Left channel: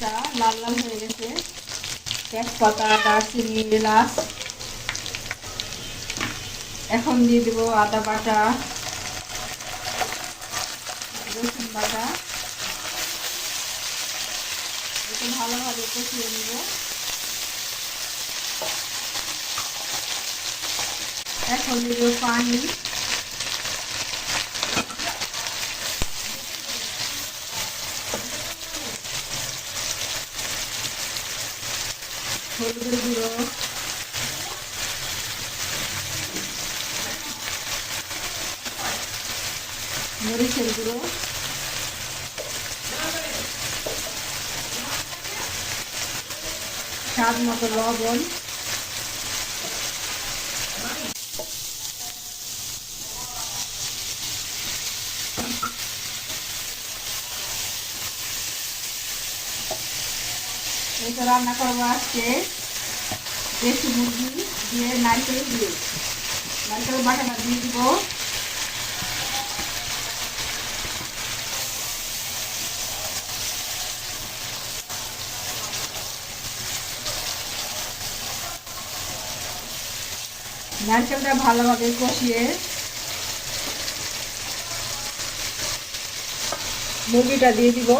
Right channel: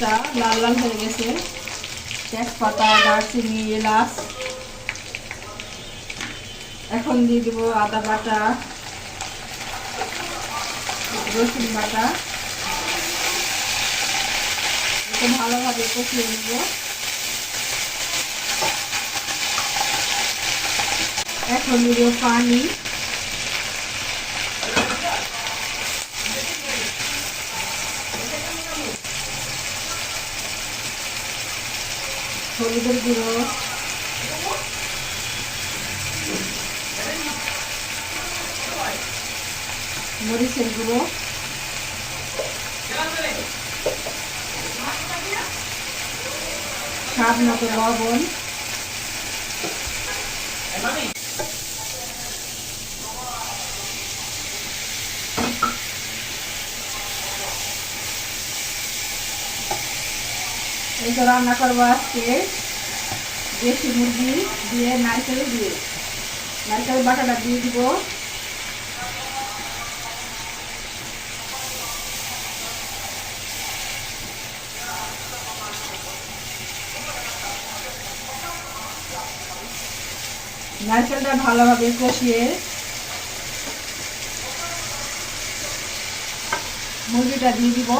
পেঁয়াজটা লাল লাল হয়ে গেছে। তেজপাতা, দারচিনি, এলাচ। এখন দিয়ে দেবো আদা বাটা, রসুন বাটা। ভালোভাবে কষিয়ে নেব। এখন দিব পানি। হলুদের গুঁড়ো, মরিচের গুঁড়ো, স্বাদ মতো লবণ। এটা রান্না করবো আজকে দেশি মুরগি দিয়ে, নারকেল বাটাটা দিয়ে দিব। নারকেলটা ভালোভাবে কষিয়ে মুরগিটা দিয়ে দিব।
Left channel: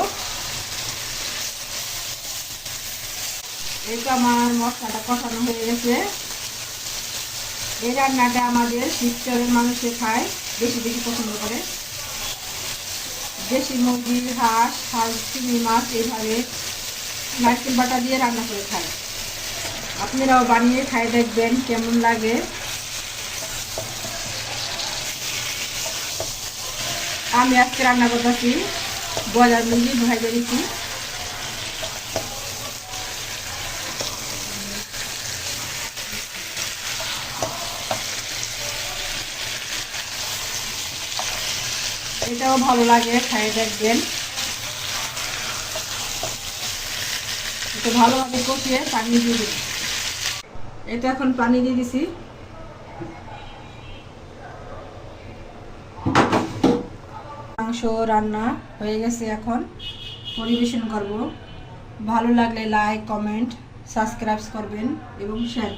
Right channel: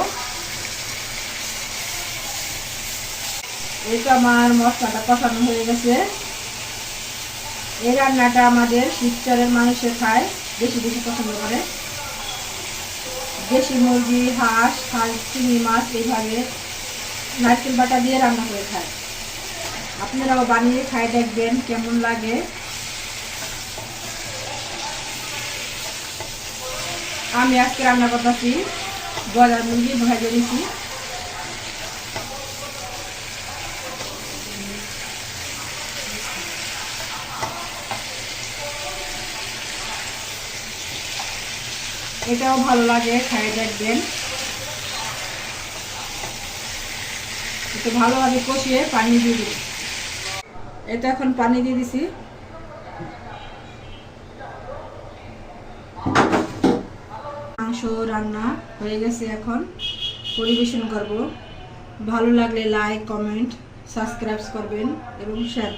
এই তো আমার মশলাটা কষানো হয়ে গেছে। এই রান্নাটা আমাদের শিবচরের মানুষে খায়, বেশি বেশি পছন্দ করে। দেশি মুরগি, হাঁস, চিংড়ি মাছ এইভাবে নারকেল বাটা দিয়ে রান্না করে খায়। আপনারাও বানিয়ে খায় দেখবেন কেমন লাগে। আমি আজকে রান্না করতেছি ব্রয়লার মুরগি ভেজে দিচ্ছি। এটাও ভালো লাগে, খাই দেখবেন। একটু ভালোভাবে কষিয়ে পানি দিয়ে দিই। এটা এখন পানি দিয়ে দিছি। মাংস রান্না হয়ে গেছে, এখন পরিবেশন করব। ভালো লাগলে লাইক, কমেন্ট, সাবস্ক্রাইব করবেন এবং শেয়ার করবেন।